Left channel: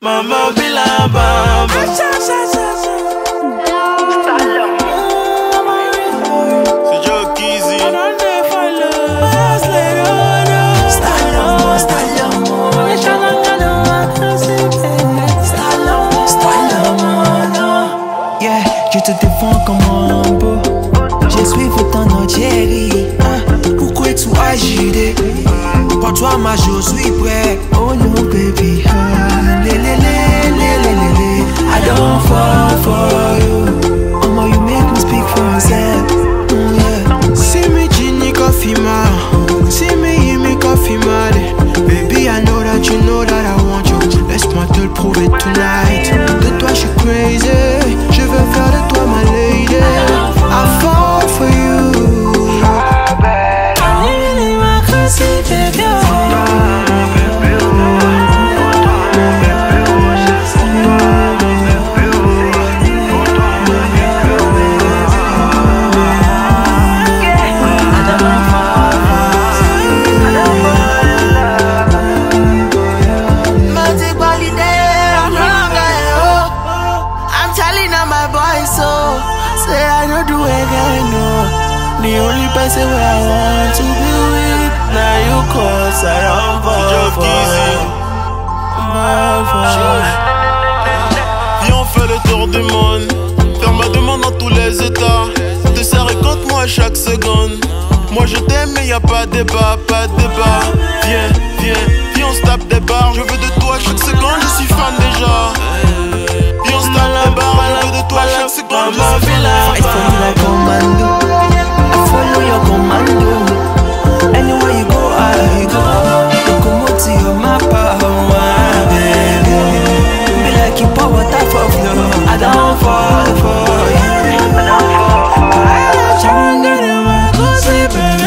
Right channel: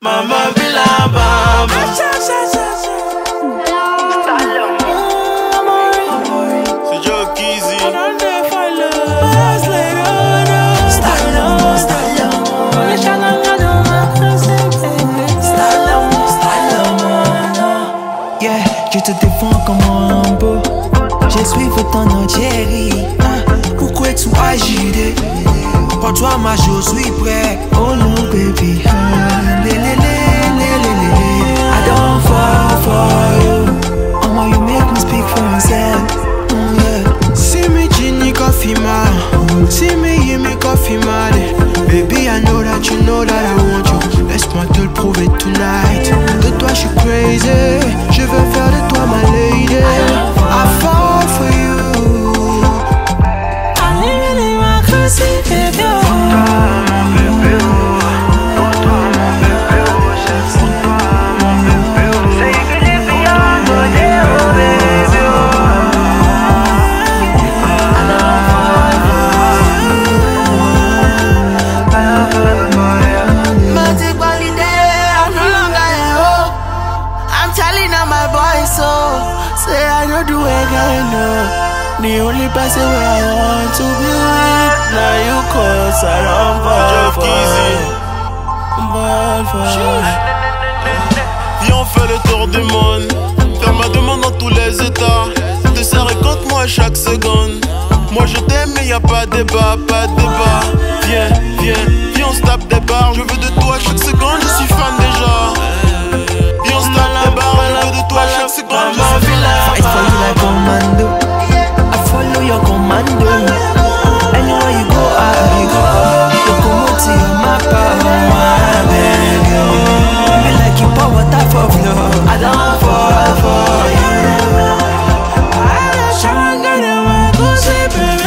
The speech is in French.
Maman be la bamba. C'est Joe Kizzy. Yeah, je te défends comme un beau. Je suis ton Algérie. Pourquoi tu agis? Pour toi, ma je suis prêt. Oh no, baby. I don't fall for you. Oh, you make me speak for myself. Oh, yeah. See me Ginny coffee ma. See me Yimi coffee mad. Baby, I know that you know that I want you. Laisse-moi te le prouver tonight. De toi, je suis crazy. Je veux faire de toi ma lady. I fall for you. Say I don't do again, no. The only person where I want to be with. Now you cause I don't fall for you. Viens on fait le tour du monde. Faire ma demande dans tous les états. Te serrer contre moi chaque seconde. Moi je t'aime mais y'a pas de débat, pas de débat. Viens, viens, viens on se tape des barres. Je veux de toi chaque seconde, je suis fan déjà. Viens on se tape des barres, je veux de toi chaque seconde, je suis fan. Fight for you like commando. I follow your commando. Anywhere you go, I go. Locomotive of my power, baby. Be like you pour water for flow. I don't fall for you. I don't try and get in my cosy, baby.